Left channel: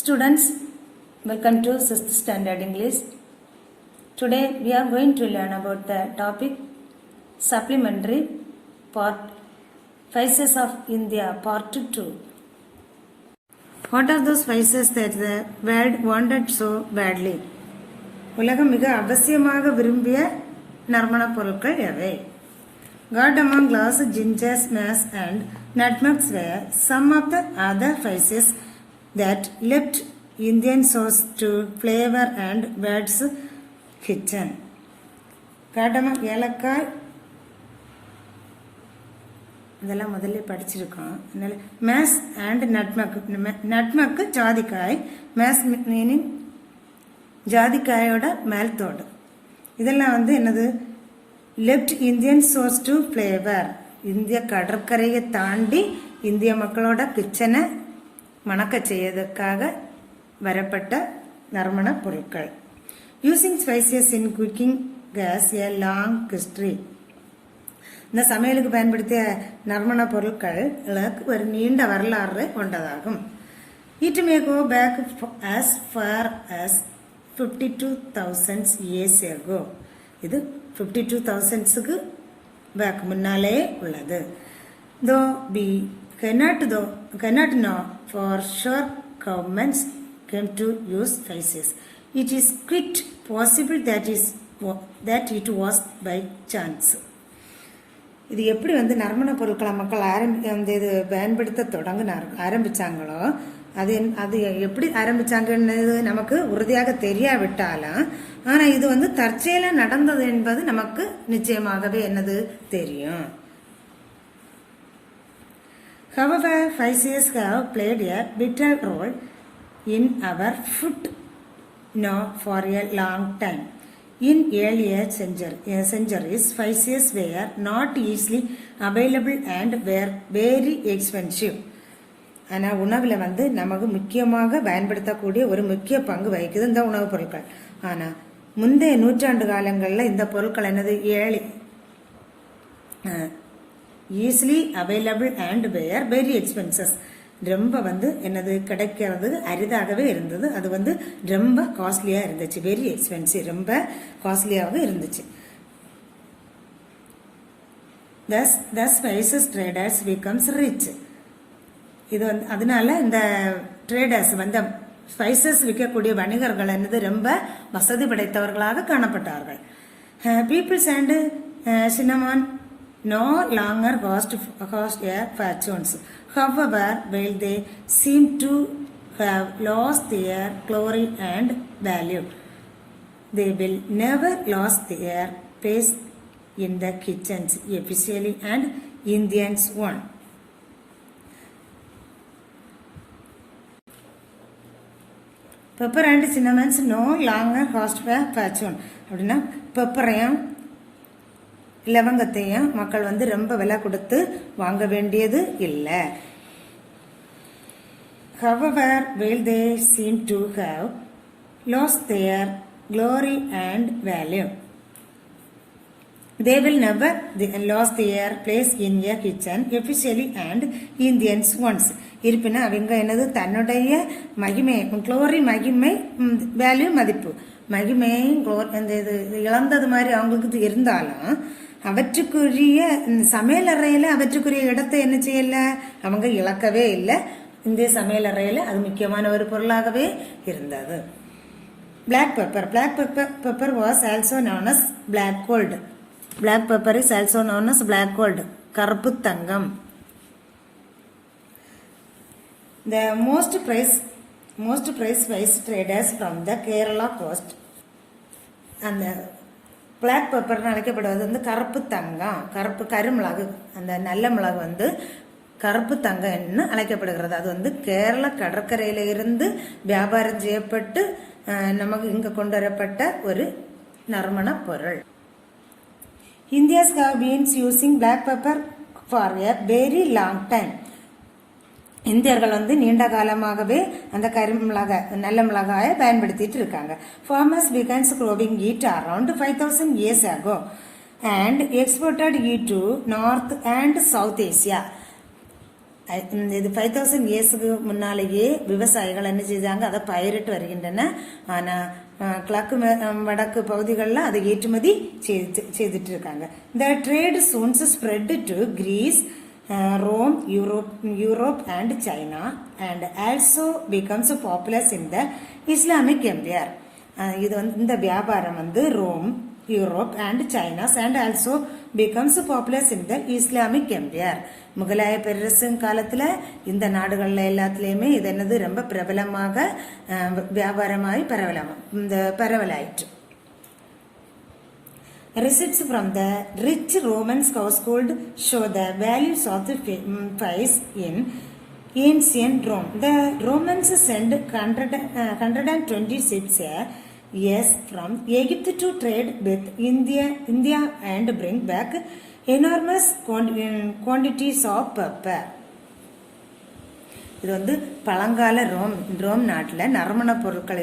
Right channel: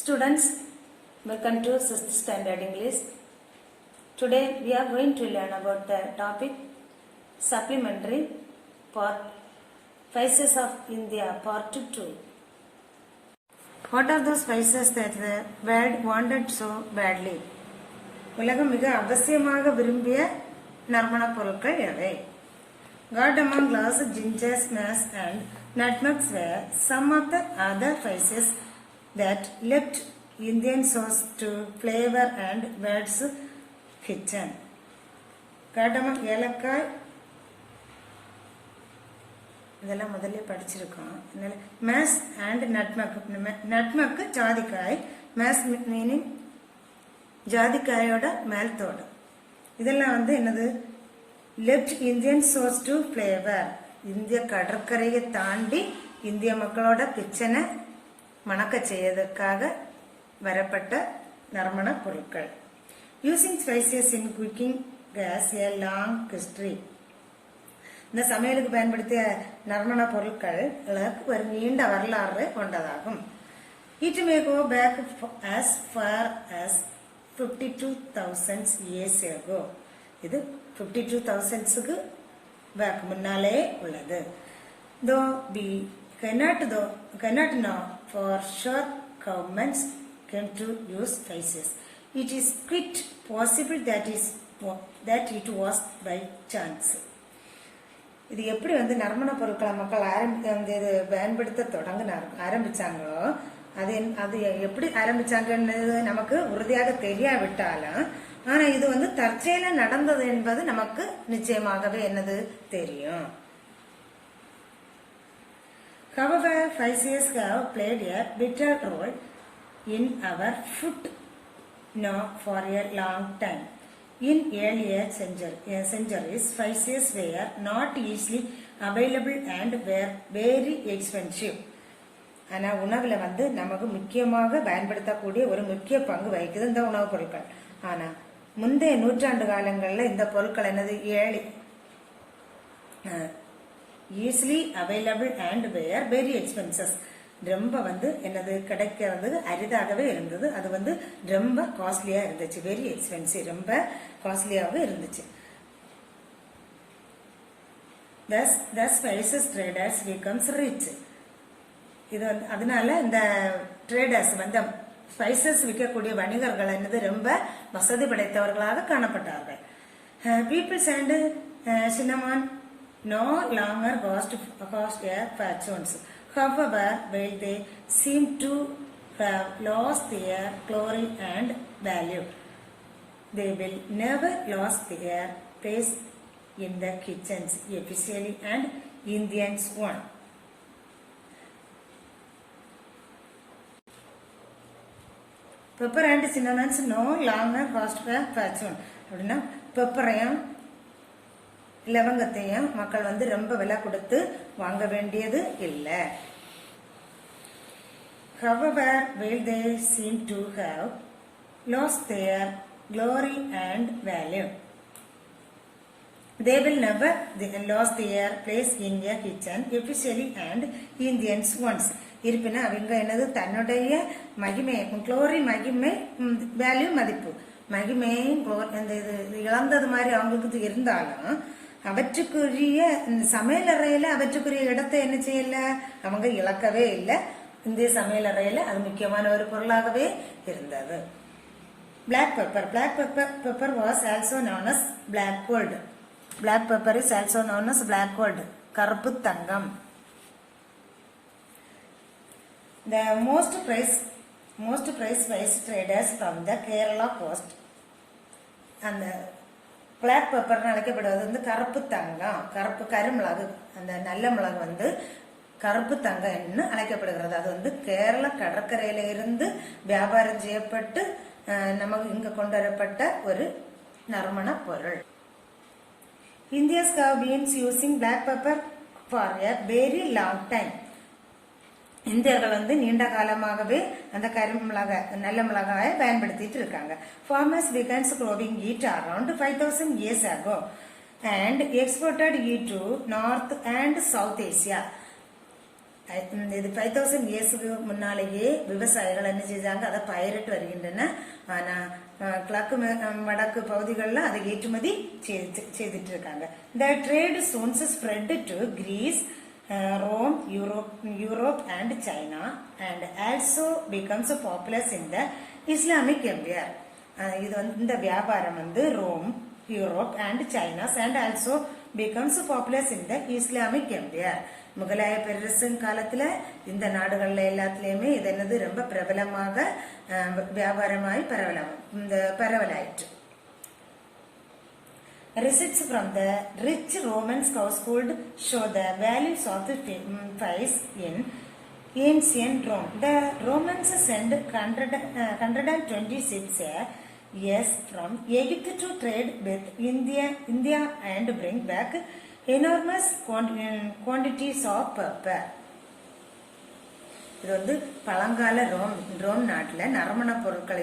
Students, welcome to 6th Standard English. Today we are going to learn about the topic Supplementary Part Spices of India Part 2. What are those spices that the world wanted so badly? உலகம் மிக அவசியமாக விரும்பிய நறுமண பொருட்கள் எவை? Cardamom, ginger, mace and nutmegs were some of the other spices that left Indian sauce to flavor and bird's kitchen. Cardamom, ஏலக்காய் இதெல்லாம் முதல்ல படிச்சிருக்கோம். மேஸ் அண்ட் நட்மக் ஜாதிக்காய், மேஸ் மீனிங் ஜாதிக்காயோட மேல்தோடு. இதெல்லாம் என்னது left Indian source to flavour. இந்திய கடற்கரையை தாண்டி இந்திய மக்களோட கிச்சனை மணக்க செய்யறதுக்காக வரப்பட்ட நறுமண பொருட்கள். Using spices in cooking has a long history. இந்த சமையலுக்கு பயன்படுத்திய நறுமண பொருட்களுக்கு ஒரு நீண்ட வரலாறு கொண்டதாகும். It may go back as far as 52,000 years ago. இது 52,000க்கு பேக் முன்னாலே உள்ளது. Though we cannot know for sure governments came to use spices, it is quite possible that it was by chance. இது எப்படி நறுமண பொருட்களை மக்கள் இது பயன்படுத்த ஆரம்பிச்சாங்களோ அது எப்படி ஆரம்பிச்சாங்கன்னு நமக்கு உறுதியாக தெரியாவிட்டாலும், ஆனா இது தற்செயல நடந்தது என்பது நமக்கு நிச்சயமாகவே தெரியும். However, spices have played a vital role in our food now for a long time. In earlier centuries, spices were not easily available and were very expensive. ஆனா உணவுல நமக்கு முக்கியமாக பயன்படுத்தக்கூடிய ஒரு முக்கிய பங்கு வகிக்குது இந்த உணவுப் பொருட்கள். ஆனா முந்தைய நூற்றாண்டு காலங்களில் இந்த பொருட்கள் easily available and were very expenses. ரொம்ப கிடைக்கிறது அரிதாகவே இருந்தது. அது ரொம்ப காஸ்ட்லியா இருந்துச்சு. வெரி எக்ஸ்பென்சிவ், ரொம்ப காஸ்ட்லியாகவும் இருந்துச்சு. The spices traders becomes rich. இது அதனால இந்த ட்ரேடர்ஸ் ஸ்பைசஸ் விற்கக்கூடிய வணிகர்கள் ரொம்ப வசதி படைத்தவர்களாக காணப்பட்டார்கள். Peoples and cinnamon no longer cost a fortunes. However, while they seem to have lost their glory and value, they will never lose their place in the kitchens officially and Indians one. Pepper and cinnamon no longer cost a fortune. அப்படின்னா பெப்பரையும் லவங்கத்தையும் மக்கள் ரொம்ப விலை கொடுத்து வாங்க வேண்டியது இல்லை. However, while they seem to have lost their glory and value, they will never lose their place in a kitchen officially and Indians once. இருப்பினும் அவங்க தன்னுடைய மகிமை, குளோரி மகிமை, வேல்யூ மதிப்பு, மகிமையும் இழந்தது மாதிரி அவங்களுக்கு இருந்தாலும் அவற்றுக்குரிய சமையலறையில அவற்றுக்குரிய இடத்தை என்ன செய்யல, அவங்க இழக்கவே இல்லை. இந்திய சமையலறையில அது முக்கியமான ஒரு பொருளாகவே இருந்தது. Black pepper. Black pepper was also known as black gold. Black pepper is also known as black gold. கருப்பு தங்கம். The most prized spice traders from the Kerala coast and the black pepper அழைக்கப்படுவது கருப்பு தங்கம். கருப்பு கருமிளகு, அந்த நல்ல மிளகு கருப்பு தங்கம்னு அழைக்கப்படுகிறது. அது கேரள கடற்கரையில இருந்து வியாபாரம் செய்யப்பட்டு நமக்கு இங்க கொண்டு வரப்பட்ட ஒரு நறுமண பொருள். Indians have been using black pepper for a very long time. இந்தியர்கள் நீண்ட காலமாகவே அந்த கருமிளக நல்ல மிளகாயை பயன்படுத்திட்டு இருக்காங்க. Farmers began growing it around 5,000 years ago and exported it to North and South Asia. இது 5000 இயர்ஸுக்கு முன்னாலேயே விவசாயிகள் என்ன செய்தாங்க, அதை பயிரிட்டு வருகின்றன. ஆனா கிழக்கு வடக்கு பகுதிகளில் அதை ஏற்றுமதி செய்துட்டு இருக்காங்க. இந்த trade soon spread to Greece, Rome, Europe and China, and also becomes popular in the Islamic Empire. இது இந்த வியாபாரம் Rome, Europe and China and also becomes popular in the Islamic Empire. முகலாய பேரரசு காலத்துல இந்த நாடுகள்ல எல்லாத்துலயுமே இது என்னது ரொம்ப பிரபலமாக வியாபாரமாய் பரவலாயிற்று. Receipts from the rich Roman household show the values of the price in ancient Rome. The Romans sent 126 years from Egypt to trade with India and bring back enormous quantities of pepper. இது பழங்கால Rome நாட்டில் நறுமண பொருட்கள்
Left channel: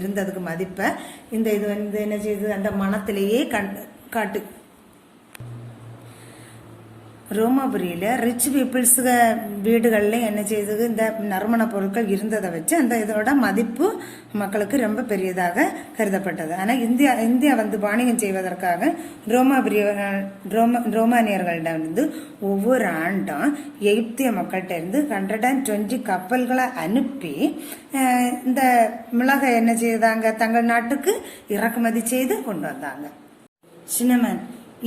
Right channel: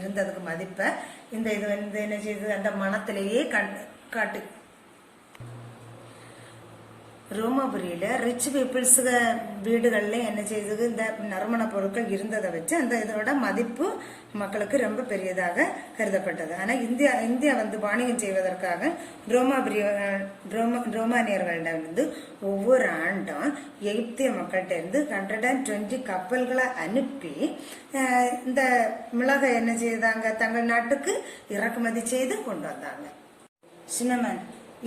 இருந்ததுக்கு மதிப்பை இந்த இது என்ன செய்யுது, அந்த மனத்திலேயே காட்டு. ரோமாபுரியில ரிச் பீப்புள்ஸ் வீடுகள்ல என்ன செய்தது, இந்த நறுமண பொருட்கள் இருந்ததை வச்சு அந்த இதோட மதிப்பு மக்களுக்கு ரொம்ப பெரியதாக கருதப்பட்டது. ஆனா இந்தியா வாணிகம் செய்வதற்காக ரோமானியர்களிடம் ஒவ்வொரு ஆண்டும் எகிப்திய மக்கள்கிட்ட இருந்து 120 கப்பல்களை அனுப்பி இந்த மிளகை என்ன செய்தாங்க, தங்கள் நாட்டுக்கு இறக்குமதி செய்து கொண்டு வந்தாங்க. Cinnamon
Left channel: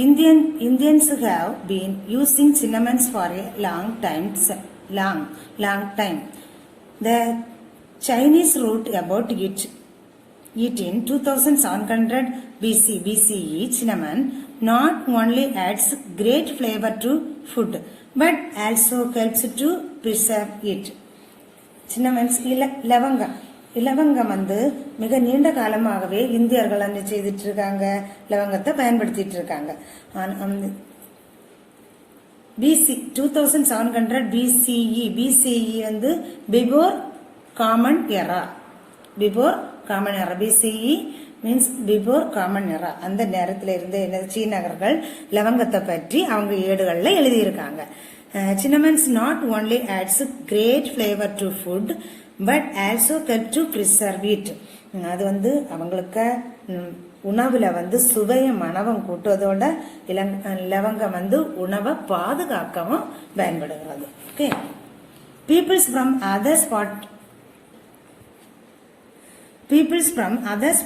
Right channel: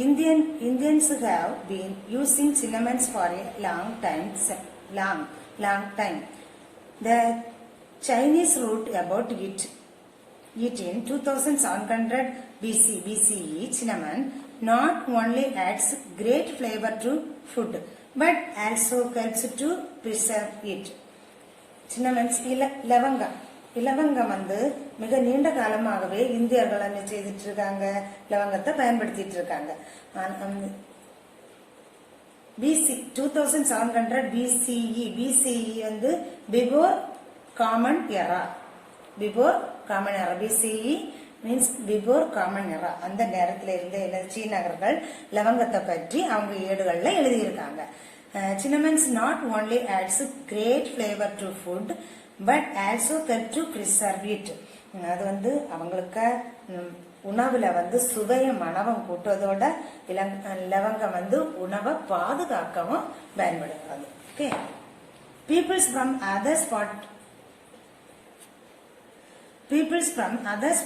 Indians have been using cinnamons for a long time. The Chinese wrote about it in 2700 BCE. Cinnamon not only adds great flavor to food but also helps to preserve it. Cinnamons இலவங்கம் மிக நீண்ட காலமாகவே இந்தியர்கள் என்ன செய்துட்டு இருக்காங்க, லவங்கத்தை பயன்படுத்திட்டு இருக்காங்க. BC 2700 BCE before common era. BCE means before common era. அந்த நேரத்தில் இருந்த சீனர்கள் லவங்கத்தை பற்றி அவங்க ஏடுகள்ல எழுதியிருக்காங்க. Cinnamons not only adds great flavor to food but also help to preserve it. அது அவங்களுக்கு உணவுல சுவைய மணவம் கூட்டுவதோட லவங்கம் உணவை பாதுகாக்கவும் பயன்படுகிறது. Okay, Peoples from other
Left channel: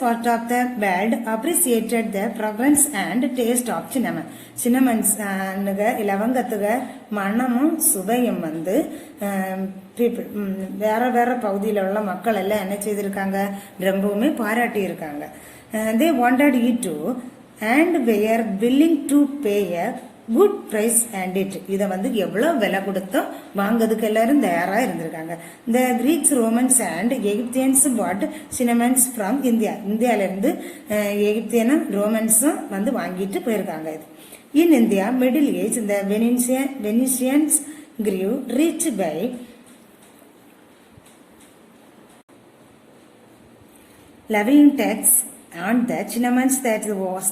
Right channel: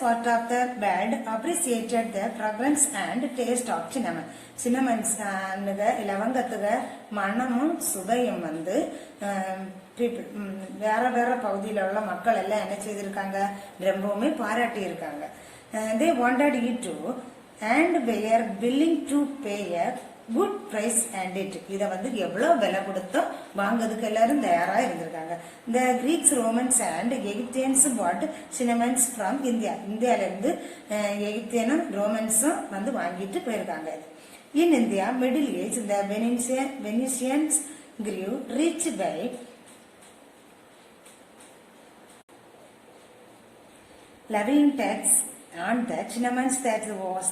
parts of the world appreciated the fragrance and taste of cinnamon. Cinnamons லவங்கத்துக்கு மணமும் சுவையும் வேற பகுதியில் உள்ள மக்கள் எல்லாம் என்ன செய்திருக்காங்க, ரொம்பவுமே பாராட்டி இருக்காங்க. They wanted it to and were willing to pay a good price and it. இத எவ்வளவு விலை கொடுத்தோ வாங்கிறதுக்கு எல்லாரும் தயாரா இருந்திருக்காங்க. The Greeks, Romans and Egyptians bought cinnamons from India. இந்தியால இருந்து எகிப்தியனும் ரோமன்ஸும் வாங்கிட்டு போயிருக்காங்க. In India, Middle Age, the Venetians grew rich by levying tax on the cinnamons that was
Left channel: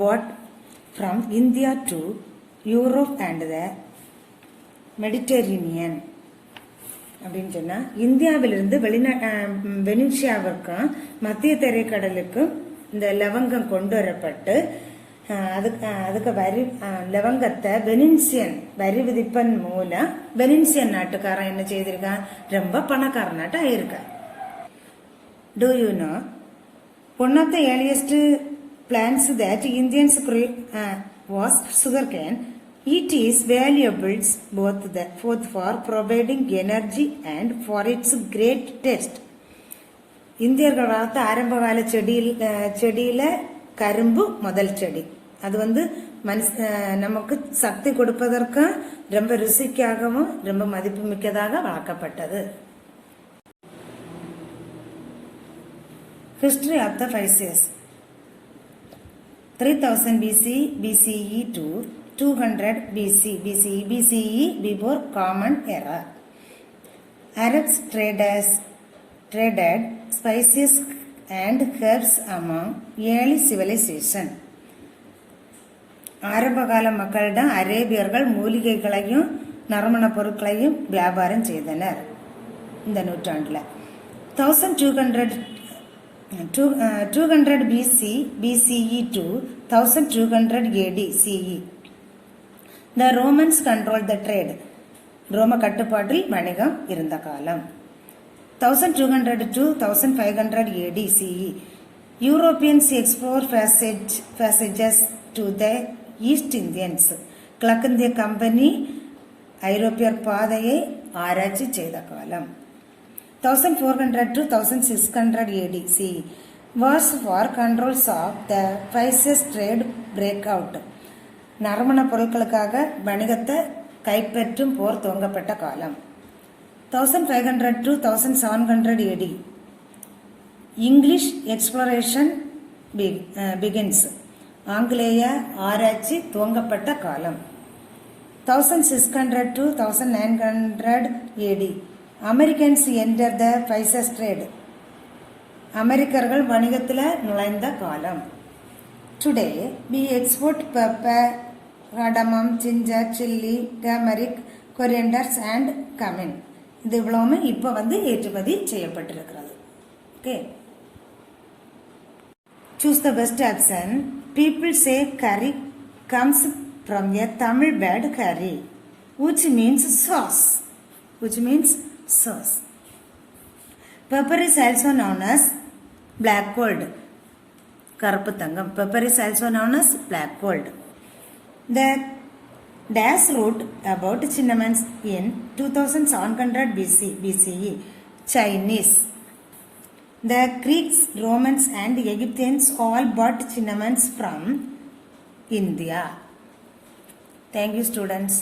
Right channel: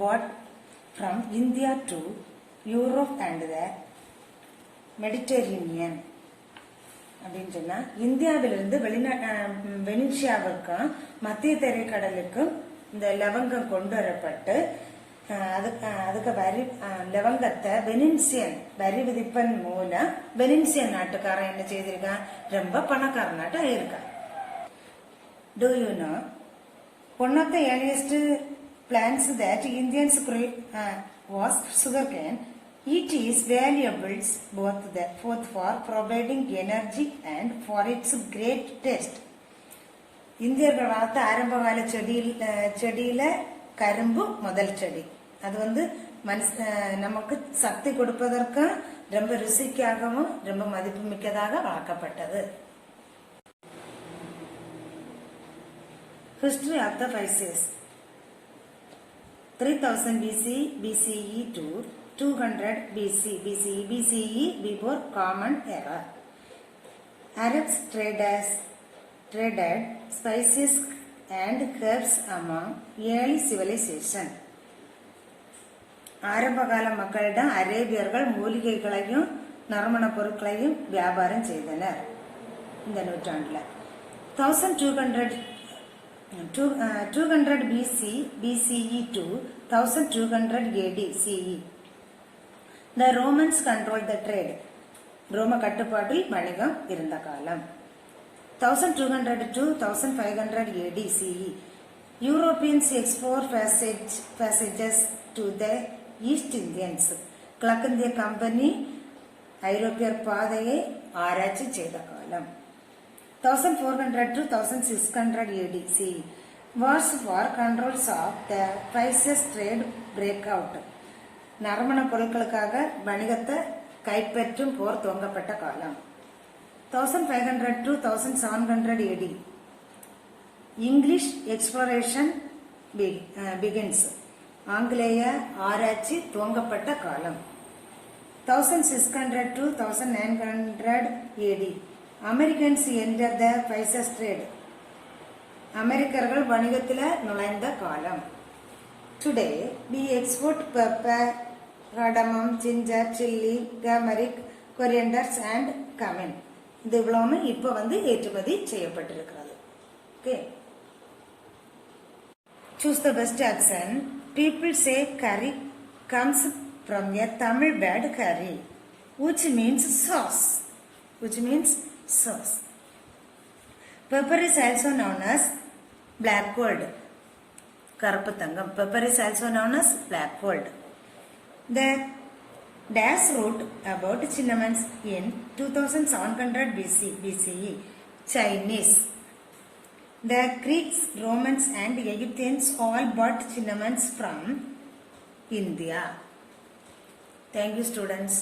bought from India to Europe and the Mediterranean. அப்படின்னு சொன்னா இந்தியாவிலிருந்து வெனிசியாவுக்கும் மத்திய தரைக்கடலுக்கும் இந்த லவங்கம் கொண்டு வரப்பட்டு அதுக்கு லவங்கத்தை வெனிசியன் வரி விதிப்பன் மூலம் வெனிசியன் நாட்டுக்காரன் என்ன செய்திருக்கான், ரொம்ப பணக்காரனாட்ட ஆயிருக்கான். Do you know one of the earliest plants that Indians grew was sugarcane. It is valuable both for providing energy and for its great taste. இந்தியர்கள் வளர்த்த ஆரம்பகால செடியில கரும்பு முதல் செடி. அது நமக்கு சக்தி கொடுப்பதற்கும் ரொம்ப ருசிக்காகவும் ரொம்ப மதிப்பு மிக்கதாக வளர்க்கப்பட்டது. History of the Spices. 3000 BCE to 200 BCE before Common Era. Arabs traded spices and herbs among early civilization. ஆரம்பகால மக்களிடம் அரேபியர்கள் மூலிகைகளையும் நறுமண பொருட்களையும் வியாபாரம் செய்தனர் இந்த நூற்றாண்டில். 200 BCE to 1200 AD CE. The Romans controlled the trade. ரோம கட்டுப்பாட்டில் வணிகம் இருந்த காலம். 1200 to 1500 AD CE. Europeans explore passages to the East Indians. கிழக்கிந்திய கம்பெனி ஐரோப்பியர் பாதையை ஆராய்ச்சி செய்த காலம். 1400 to 1600 AD CE. Wars for controls of the spices trade break out. நறுமண பொருட்களுக்காக வணிகத்தை கைப்பற்றும் போர் துவங்கப்பட்ட காலம். 1500 to 1700 AD. English exploration begins. ஆங்கிலேய ஆராய்ச்சி துவங்கப்பட்ட காலம். 1600 to 1900 AD. Americans enter the spices trade. அமெரிக்கர்கள் வணிகத்தில் நுழைந்த காலம். Today we export pepper, cardamom, ginger, chili, turmeric, corianders and cumin. இது இவ்வளவுமே இப்போ ஏற்றுமதி செய்யப்பட்டிருக்கிறது. Okay. Choose the best option. People say curry comes from a Tamil word curry, which means sauce. Pepper is also known as black gold. கருப்பு தங்கம். Pepper is also known as black gold. The dash wrote about cinnamon in 2700 BCE. Chinese. The Greeks, Romans and Egyptians all bought cinnamons from India. Thank you, students.